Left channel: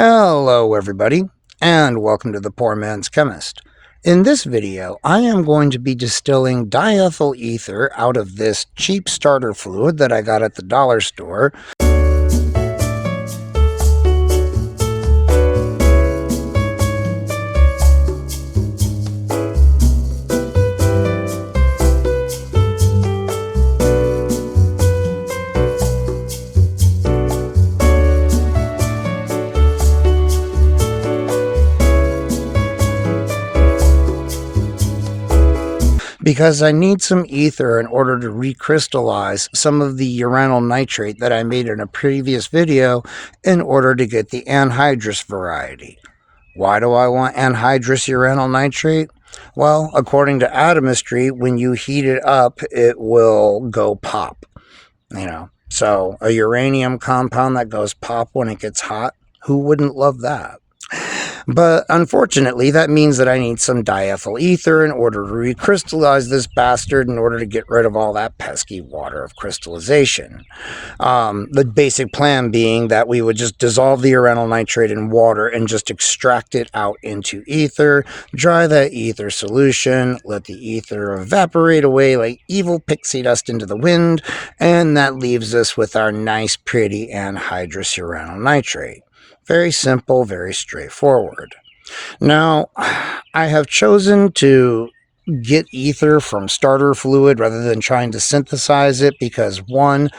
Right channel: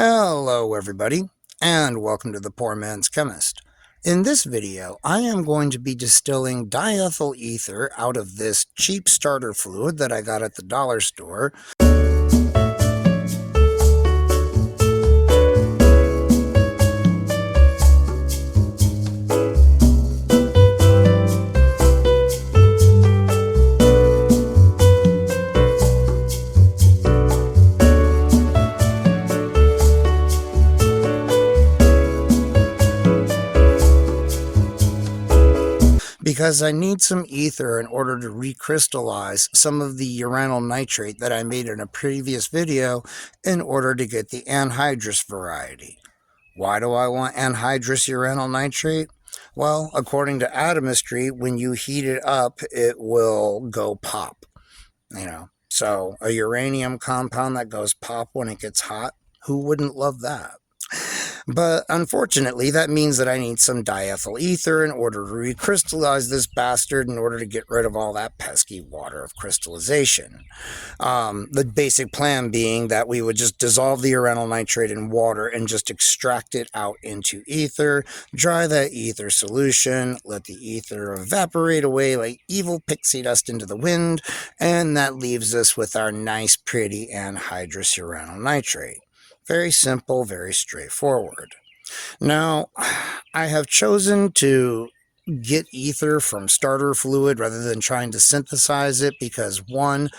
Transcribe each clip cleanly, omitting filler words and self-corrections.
Hello everybody, and welcome to the PoorMansChemist. In this video, I am going to be distilling diethyl ether out of this cheap starter fluid that I got at the dollar store. Because I need some ether in order to recrystallize some of the uranyl nitrate that I made in a previous video in order to get the anhydrous variety. Why do I want anhydrous uranyl nitrate? Well, according to atomistry, when you heat it up, it will go pop. So a uranium compound that goes pop when it gets hot, who wouldn't love that? But unfortunately, that means that I need some diethyl ether in order to recrystallize this bastard in order to get rid of all that pesky water of crystallization. The basic plan being that we would just dissolve the uranyl nitrate in water and just extract it out into ether, dry that ether solution, let the ether evaporate away like evil pixie dust into the wind, and that leaves us with our nice, pretty anhydrous uranyl nitrate. Very simple, very straightforward. Now, I have chosen to get ether from starter fluid rather than trying to synthesize it because, one,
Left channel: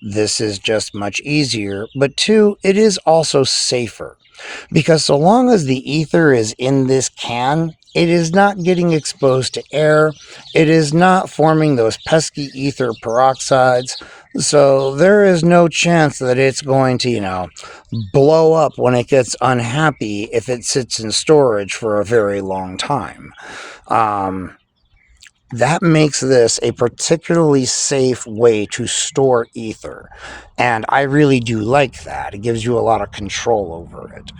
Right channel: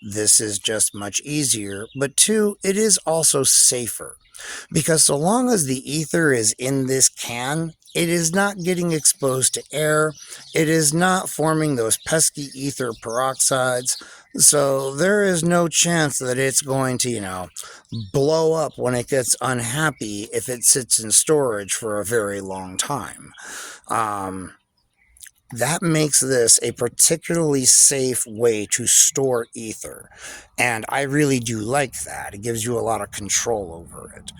this is just much easier, but two, it is also safer. Because so long as the ether is in this can, it is not getting exposed to air, it is not forming those pesky ether peroxides, so there is no chance that it's going to, blow up when it gets unhappy if it sits in storage for a very long time. That makes this a particularly safe way to store ether, and I really do like that. It gives you a lot of control over it.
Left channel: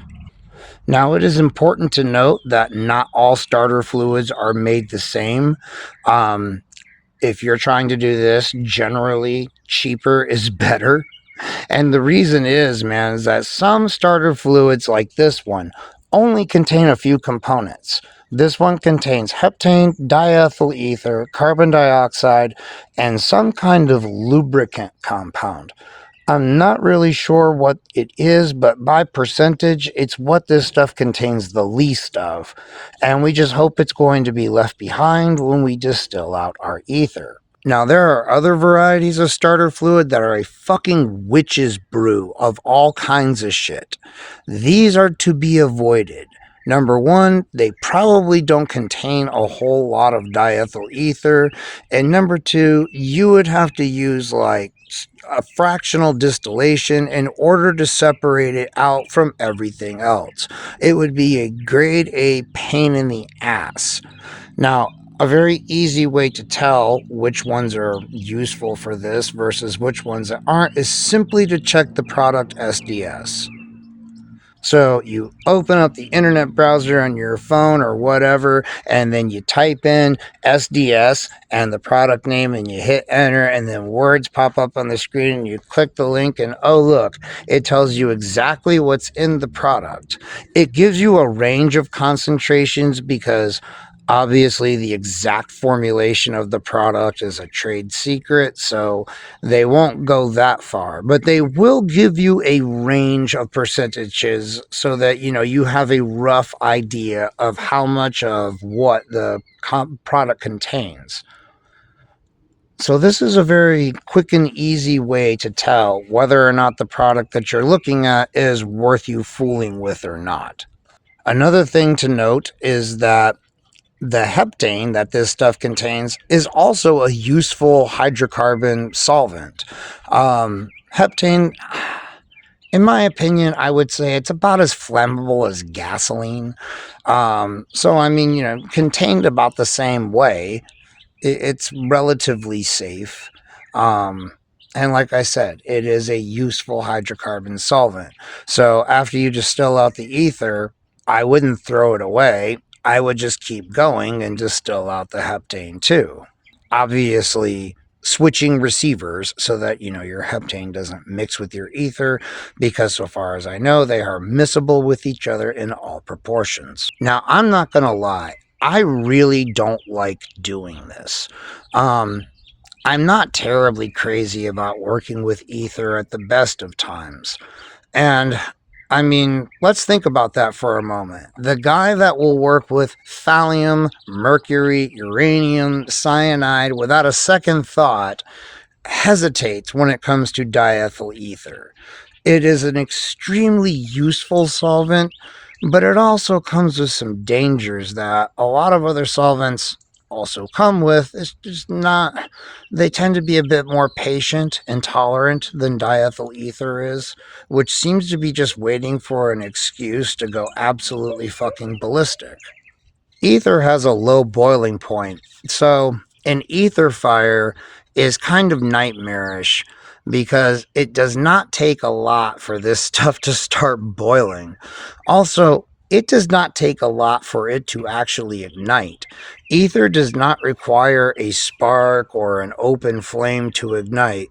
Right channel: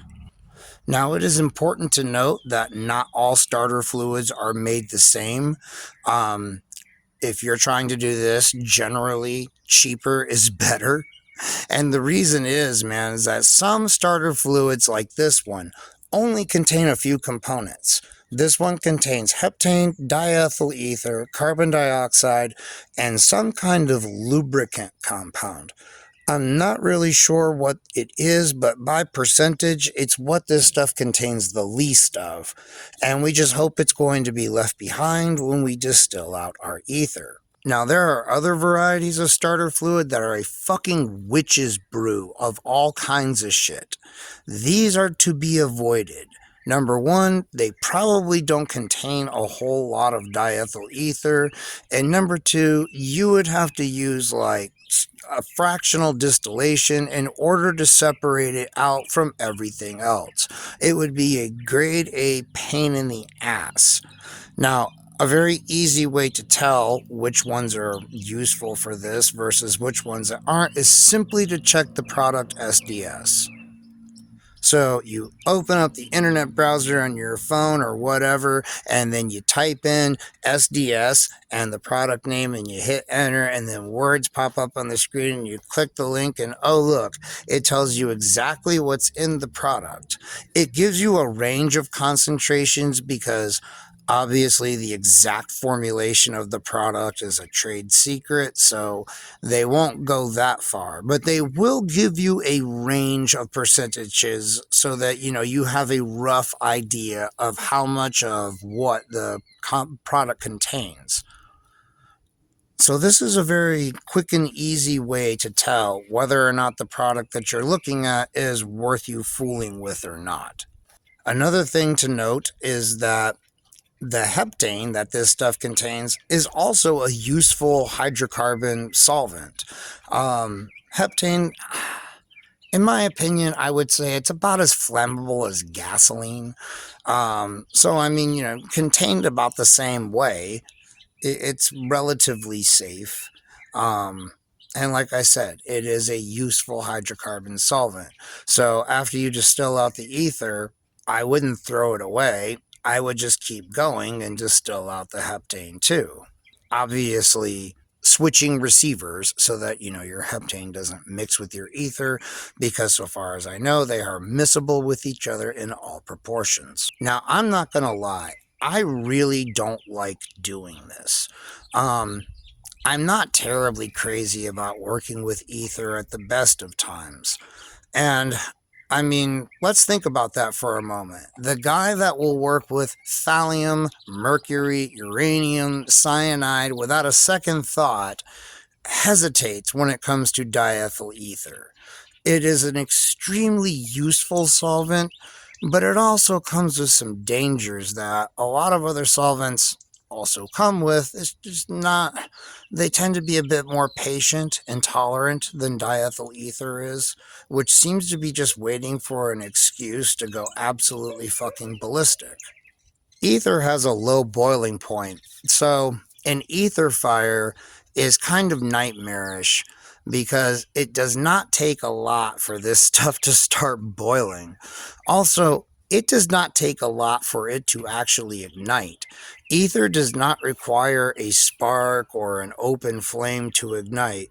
Now, it is important to note that not all starter fluids are made the same. If you're trying to do this, generally cheaper is better. And the reason is, man, is that some starter fluids like this one only contain a few components. This one contains heptane, diethyl ether, carbon dioxide, and some kind of lubricant compound. I'm not really sure what it is, but by percentage, it's what this stuff contains the least of. And we just hope it's going to be left behind when we distill out our ether. Now, there are other varieties of starter fluid that are a fucking witch's brew of all kinds of shit. These are to be avoided. Number one, they probably don't contain a whole lot of diethyl ether. And number two, you would have to use like a fractional distillation in order to separate it out from everything else. It would be a grade A pain in the ass. Now, a very easy way to tell which ones are useful for this versus which ones aren't is simply to check the product SDS. So you open up the internet browser on your phone or whatever, and then you type in SDS and the product name and you hit enter, and then words pop up on the screen and you click the link and oh look, it tells you exactly what's in the product. It gives you a range of concentrations because obviously the exact formulation of the product is a trade secret, so they won't go that far, but they will give you a range of percentages so that you have a rough idea of how much of what the product contains. So this is a very quick and easy way to tell whether or not the product that you're looking at is worth you fooling with or not. Another thing to note is that the heptane that this stuff contains is also a useful hydrocarbon solvent. Heptane, in my opinion, I would say it's about as flammable as gasoline. Contained about the same way, it's relatively safe. And like I said, it is a useful hydrocarbon solvent. So after you distill out the ether, I wouldn't throw it away. I would just keep going and distill out the heptane too. Obviously, switching receivers so that your heptane doesn't mix with your ether, because so far as I know they are miscible with each other in all proportions. Now, I'm not gonna lie, I really don't like doing this. I'm not terribly crazy about working with ether at the best of times. And I mean, let's think about that for a moment. The guy that will work with thallium, mercury, uranium, cyanide without a second thought hesitates when it comes to diethyl ether. It is an extremely useful solvent, but it also comes with some dangers that a lot of other solvents also come with. It's just not, they tend to be a bit more patient and tolerant than diethyl ether is, which seems to be just waiting for an excuse to go absolutely fucking ballistic. Ether has a low boiling point, so an ether fire is kind of nightmarish because it does not take a lot for this stuff to start boiling. Also, it does not take a lot for it to actually ignite. Ether does not require a spark or an open flame to ignite.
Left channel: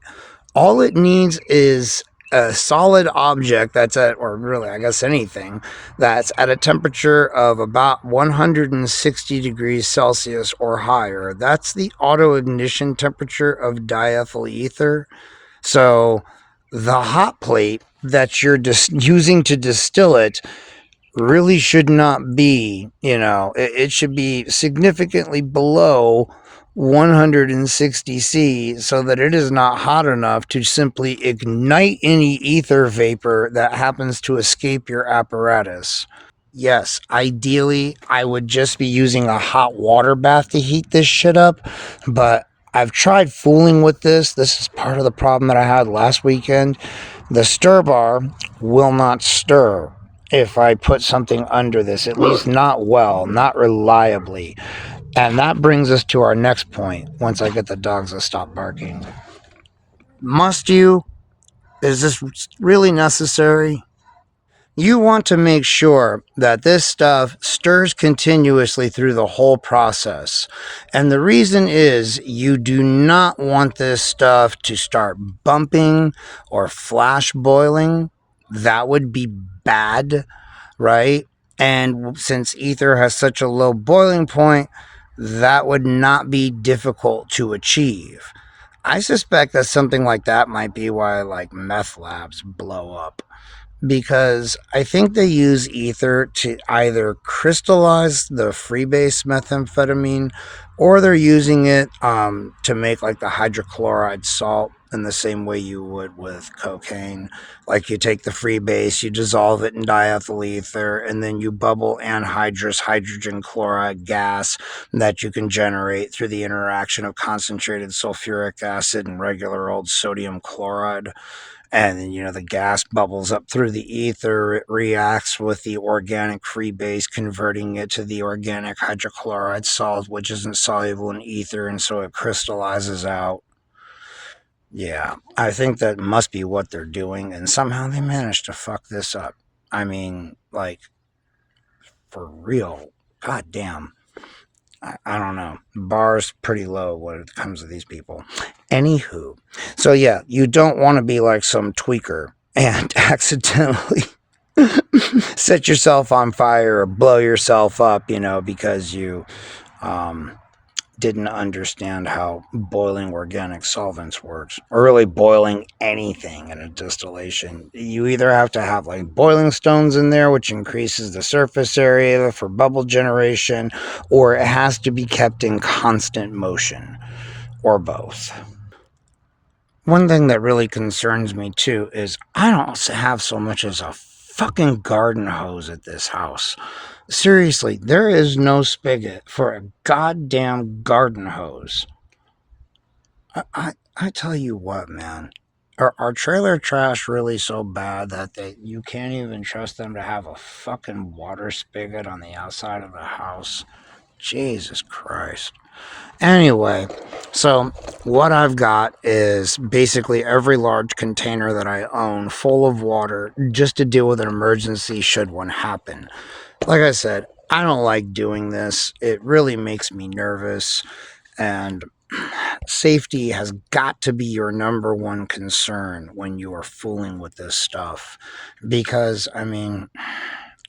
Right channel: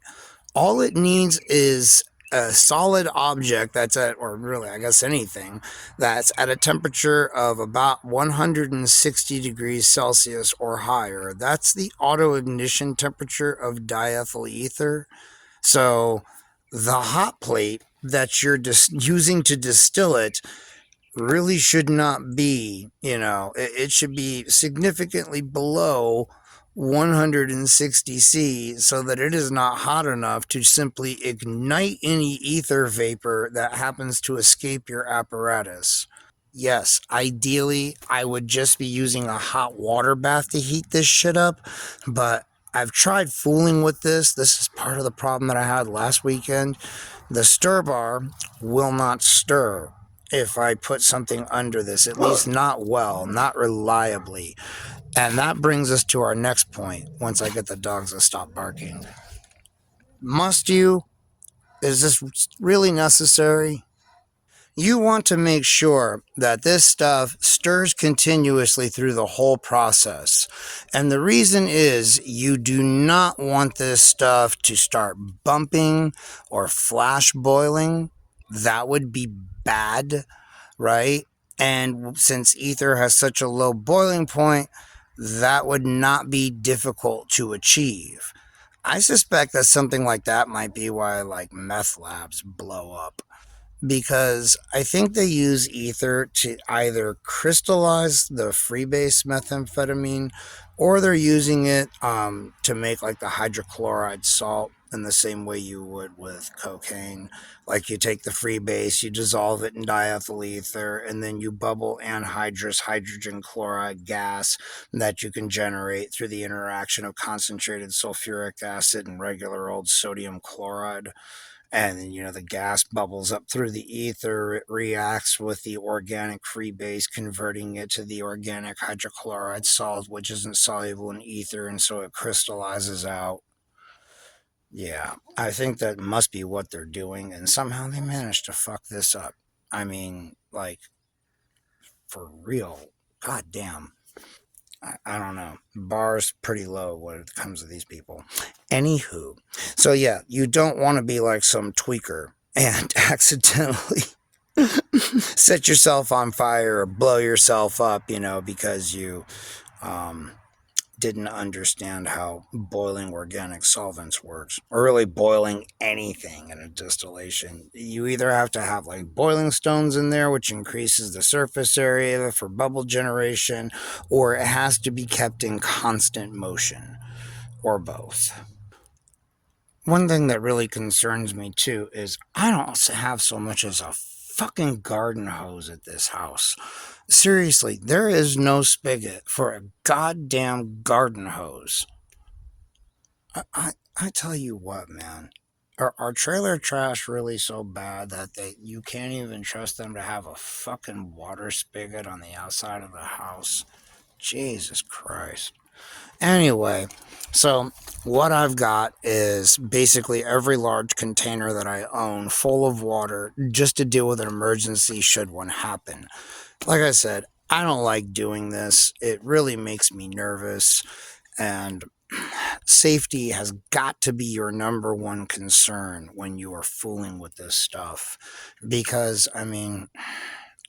All it needs is a solid object that's at, or really, I guess anything, that's at a temperature of about 160 degrees Celsius or higher. That's the auto ignition temperature of diethyl ether. So the hot plate that you're using to distill it really should not be, it should be significantly below 160 C so that it is not hot enough to simply ignite any ether vapor that happens to escape your apparatus. Yes, ideally, I would just be using a hot water bath to heat this shit up, but I've tried fooling with this. This is part of the problem that I had last weekend. The stir bar will not stir if I put something under this, at least not well, not reliably. And that brings us to our next point once I get the dogs to stop barking. Must you? Is this really necessary? You want to make sure that this stuff stirs continuously through the whole process. And the reason is you do not want this stuff to start bumping or flash boiling. That would be bad, right? And since ether has such a low boiling point, that would not be difficult to achieve. I suspect that something like that might be why like meth labs blow up, because I think they use ether to either crystallize the freebase methamphetamine, or they're using it to make like the hydrochloride salt in the same way you would with cocaine. Like you take the freebase, you dissolve it in diethyl ether, and then you bubble anhydrous hydrogen chloride gas that you can generate through the interaction of concentrated sulfuric acid and regular old sodium chloride. And then the gas bubbles up through the ether. It reacts with the organic freebase, converting it to the organic hydrochloride salt, which isn't soluble in ether, and so it crystallizes out. Yeah, I think that must be what they're doing, and somehow they managed to fuck this up. I mean, like, for real. God damn. I don't know. Bar's pretty low when it comes to these people. Anywho, so yeah, you don't want to be like some tweaker and accidentally set yourself on fire or blow yourself up, because you um, didn't understand how boiling organic solvents works, or really boiling anything in a distillation. You either have to have like boiling stones in there, which increases the surface area for bubble generation, or it has to be kept in constant motion, or both. One thing that really concerns me too is I don't have so much as a fucking garden hose at this house. Seriously, there is no spigot for a goddamn garden hose. I tell you what, man. Are trailer trash really so bad that you can't even trust them to have a fucking water spigot on the outside of the house? Jesus Christ. Anyway, so what I've got is basically every large container that I own full of water just to deal with an emergency should one happen. Like I said, I don't like doing this. It really makes me nervous. And safety has got to be your number one concern when you are fooling with this stuff. Because, I mean,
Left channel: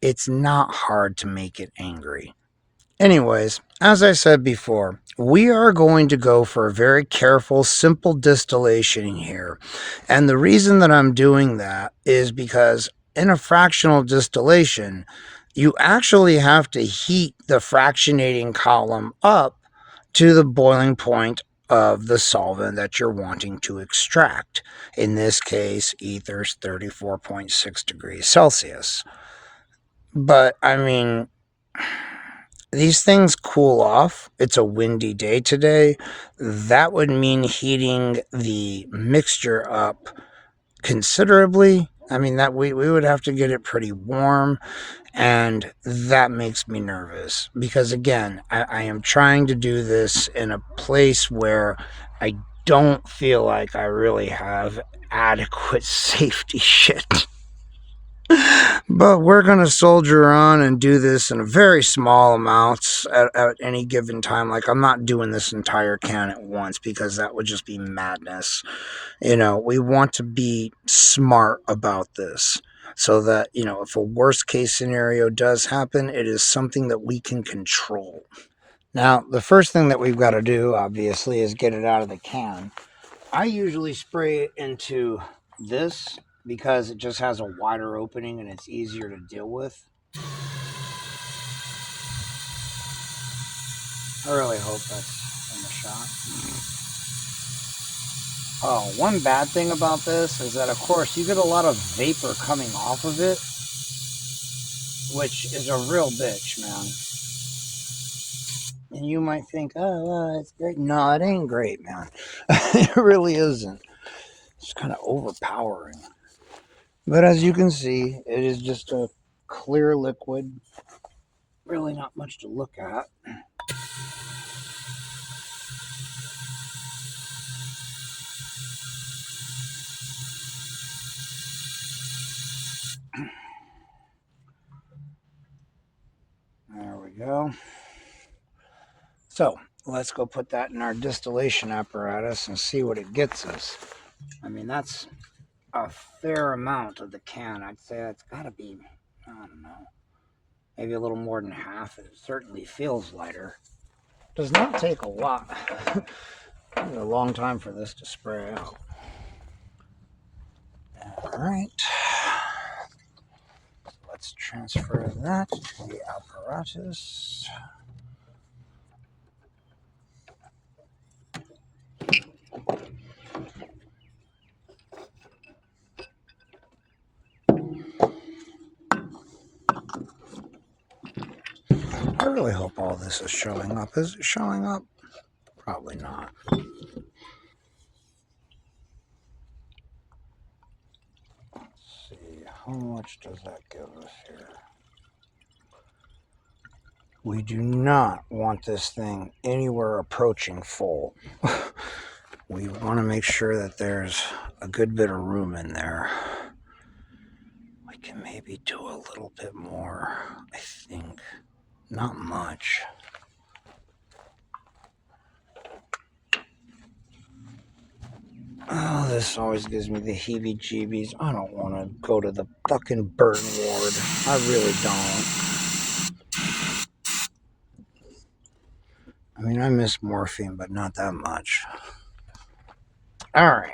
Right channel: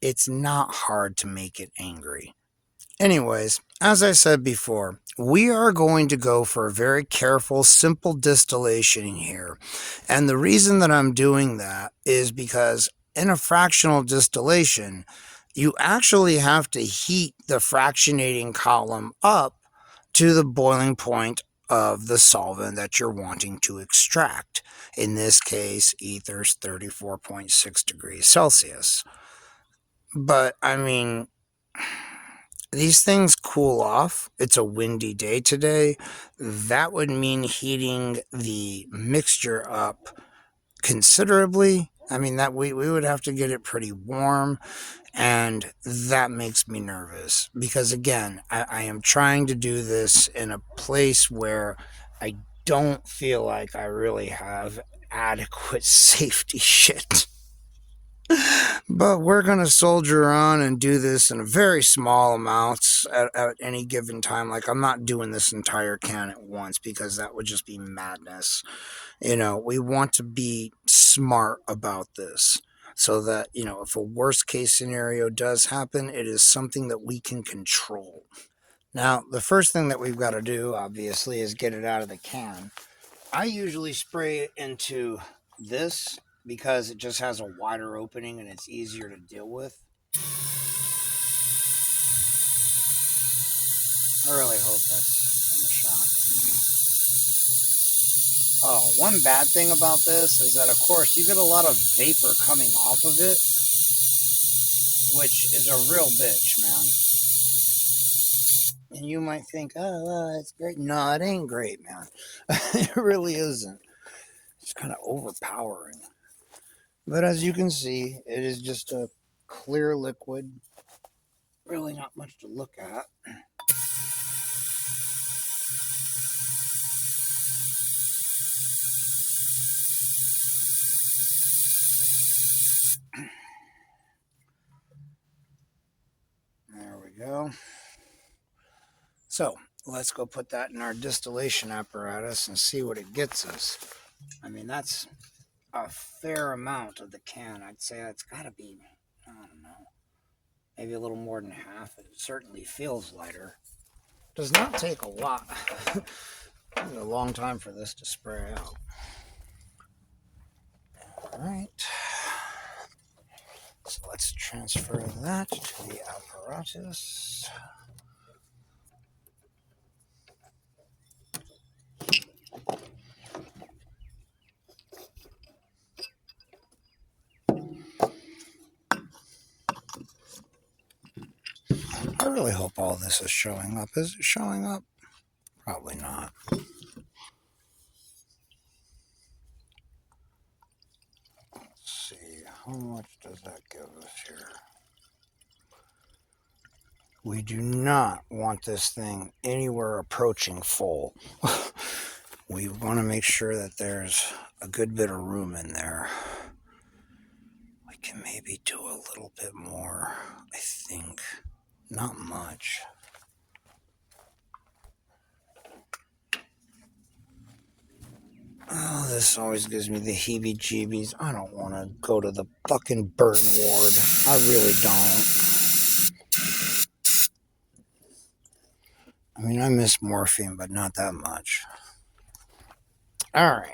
it's not hard to make it angry. Anyways, as I said before, we are going to go for a very careful, simple distillation here. And the reason that I'm doing that is because in a fractional distillation, you actually have to heat the fractionating column up to the boiling point of the solvent that you're wanting to extract. In this case, ether's 34.6 degrees Celsius. But, I mean, these things cool off. It's a windy day today. That would mean heating the mixture up considerably. I mean, that we would have to get it pretty warm, and that makes me nervous because, again, I am trying to do this in a place where I don't feel like I really have adequate safety shit. But we're going to soldier on and do this in a very small amounts at any given time. Like, I'm not doing this entire can at once because that would just be madness. We want to be smart about this so that, if a worst case scenario does happen, it is something that we can control. Now, the first thing that we've got to do, obviously, is get it out of the can. I usually spray it into this because it just has a wider opening and it's easier to deal with. I really hope that's in the shot. Oh, one bad thing about this is that, of course, you get a lot of vapor coming off of it, which is a real bitch, man. And you might think, oh, it's great. No, it ain't great, man. It really isn't. It's kind of overpowering. But as you can see, it is just a clear liquid. Really not much to look at. There we go. So let's go put that in our distillation apparatus and see what it gets us. I mean, that's a fair amount of the can. I'd say that's got to be, I don't know, maybe a little more than half. It certainly feels lighter. Does not take a lot. A long time for this to spray out. All right. So let's transfer that to the apparatus. I really hope all this is showing up. Is it showing up? Probably not. Let's see. How much does that give us here? We do not want this thing anywhere approaching full. We want to make sure that there's a good bit of room in there. We can maybe do a little bit more, I think. Not much. Oh, this always gives me the heebie-jeebies. I don't want to go to the fucking burn ward. I really don't. I mean, I miss morphine, but not that much. All right.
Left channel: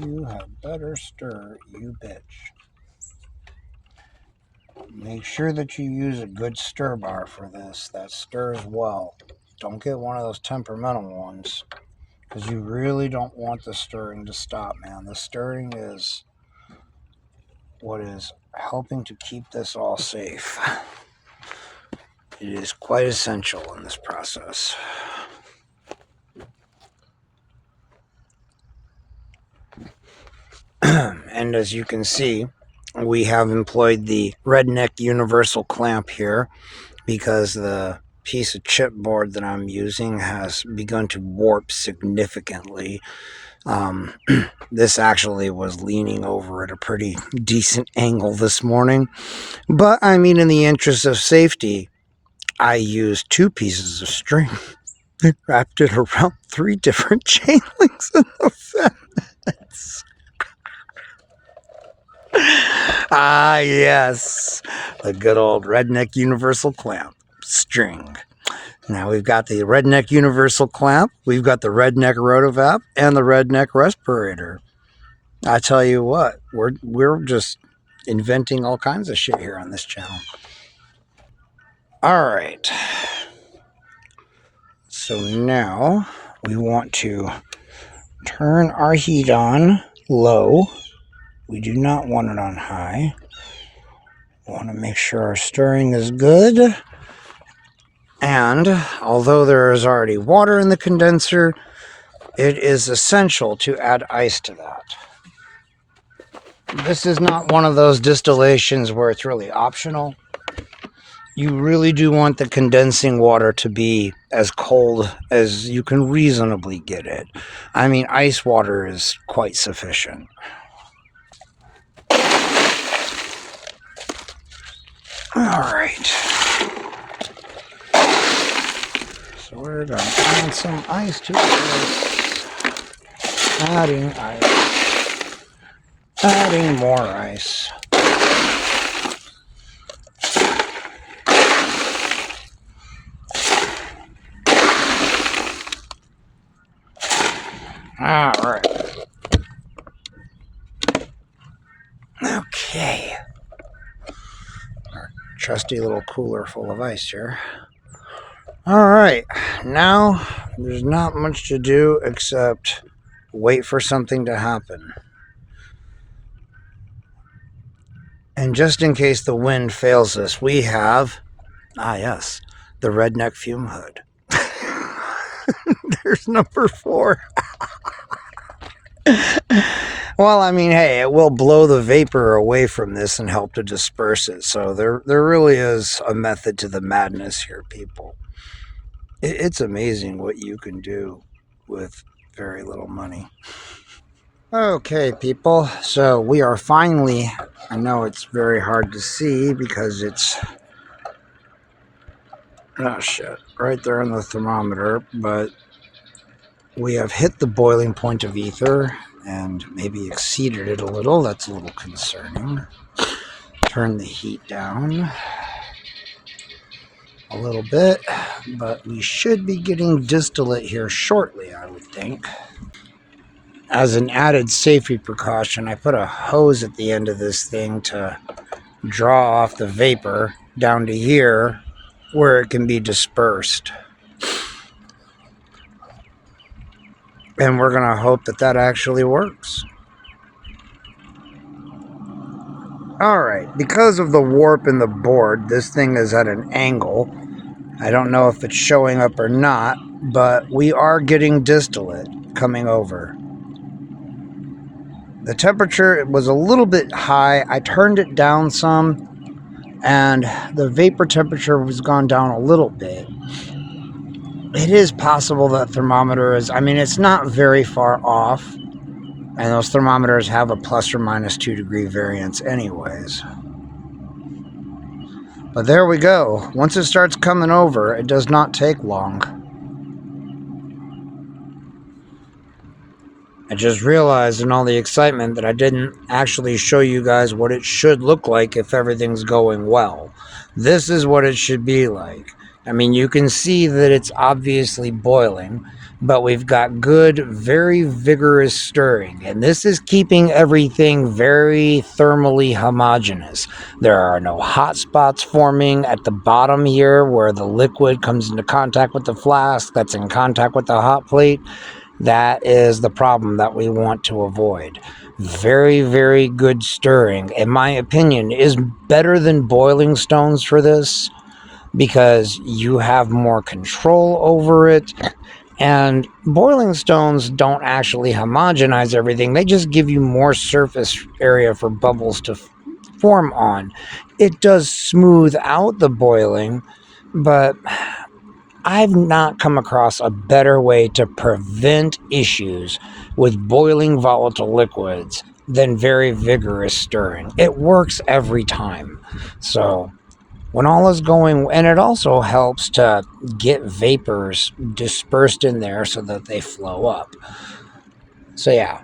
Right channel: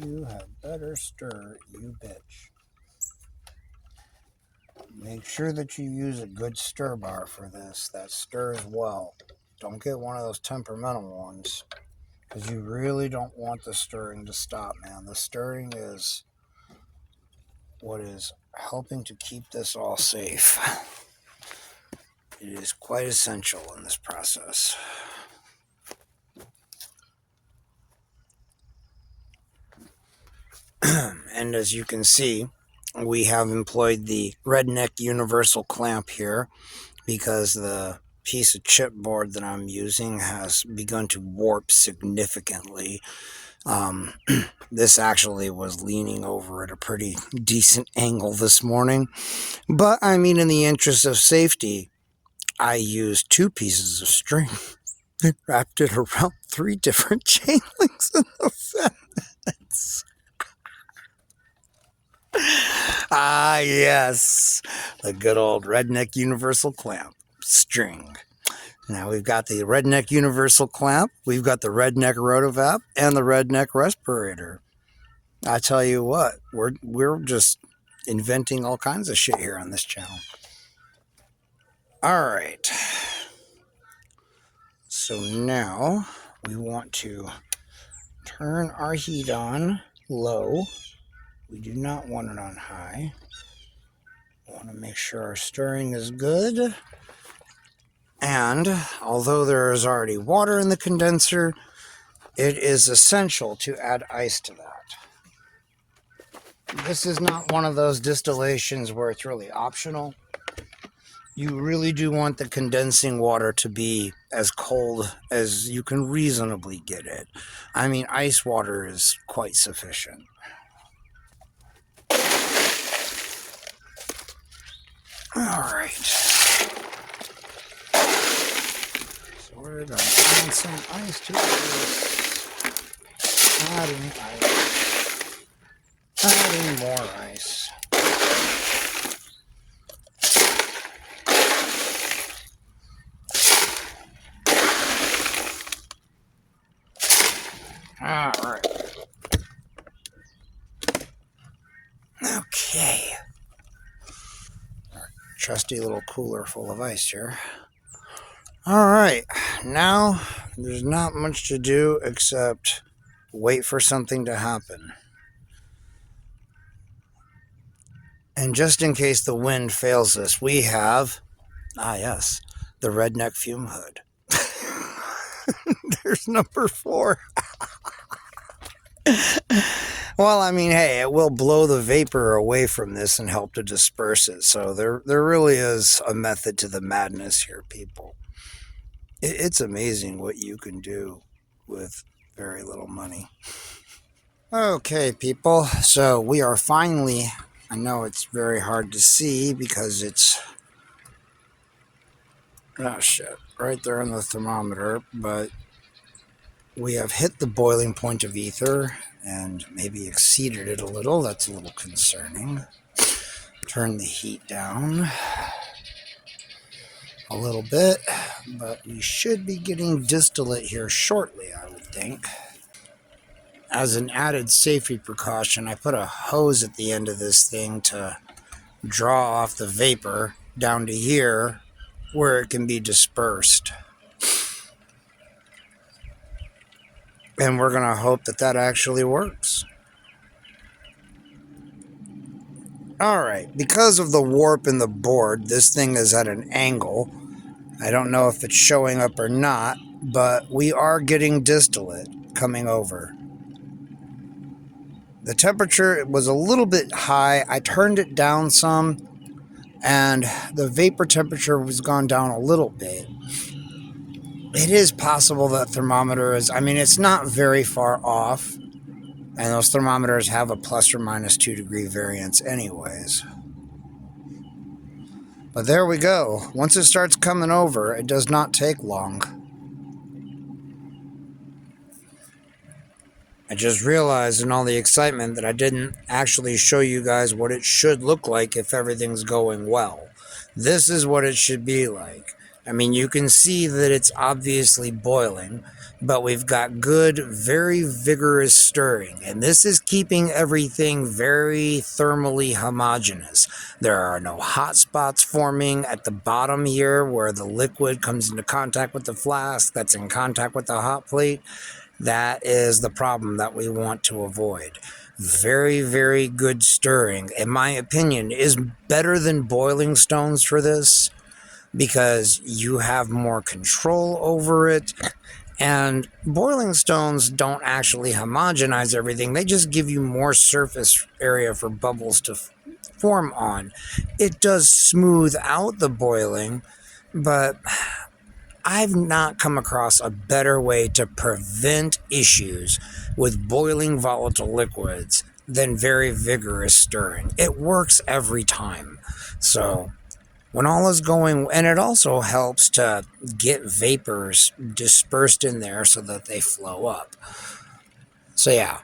You had better stir, you bitch. Make sure that you use a good stir bar for this that stirs well. Don't get one of those temperamental ones because you really don't want the stirring to stop, man. The stirring is what is helping to keep this all safe. It is quite essential in this process. And as you can see, we have employed the redneck universal clamp here because the piece of chipboard that I'm using has begun to warp significantly. This actually was leaning over at a pretty decent angle this morning. But I mean, in the interest of safety, I used 2 pieces of string and wrapped it around 3 different chain links in the fence. Ah, yes, the good old redneck universal clamp string. Now we've got the redneck universal clamp, we've got the redneck rotovap, and the redneck respirator. I tell you what, we're just inventing all kinds of shit here on this channel. All right. So now we want to turn our heat on low. We do not want it on high. We want to make sure our stirring is good. And although there is already water in the condenser, it is essential to add ice to that. This is not one of those distillations where it's really optional. You really do want the condensing water to be as cold as you can reasonably get it. I mean, ice water is quite sufficient. All right. So we're going to add some ice to this. Adding ice. Adding more ice. All right. Okay. Our trusty little cooler full of ice here. All right. Now, there's not much to do except wait for something to happen. And just in case the wind fails us, we have, yes, the redneck fume hood. There's number 4. Well, I mean, hey, it will blow the vapor away from this and help to disperse it. So there really is a method to the madness here, people. It's amazing what you can do with very little money. Okay, people, so we are finally, I know it's very hard to see because it's, oh shit, right there on the thermometer, but we have hit the boiling point of ether and maybe exceeded it a little. That's a little concerning. Turn the heat down a little bit, but we should be getting distillate here shortly, I would think. As an added safety precaution, I put a hose at the end of this thing to draw off the vapor down to here where it can be dispersed. And we're going to hope that that actually works. All right, because of the warp in the board, this thing is at an angle. I don't know if it's showing up or not, but we are getting distillate coming over. The temperature was a little bit high. I turned it down some, and the vapor temperature has gone down a little bit. It is possible that thermometer is, I mean, it's not very far off, and those thermometers have a plus or minus 2 degree variance anyways. But there we go. Once it starts coming over, it does not take long. I just realized in all the excitement that I didn't actually show you guys what it should look like if everything's going well. This is what it should be like. I mean, you can see that it's obviously boiling, but we've got good, very vigorous stirring, and this is keeping everything very thermally homogeneous. There are no hot spots forming at the bottom here where the liquid comes into contact with the flask that's in contact with the hot plate. That is the problem that we want to avoid. Very, very good stirring, in my opinion, is better than boiling stones for this because you have more control over it. And boiling stones don't actually homogenize everything. They just give you more surface area for bubbles to form on. It does smooth out the boiling, but I've not come across a better way to prevent issues with boiling volatile liquids than very vigorous stirring. It works every time. So, when all is going, and it also helps to get vapors dispersed in there so that they flow up. So, yeah,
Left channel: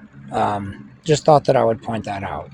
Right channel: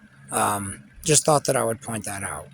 just thought that I would point that out.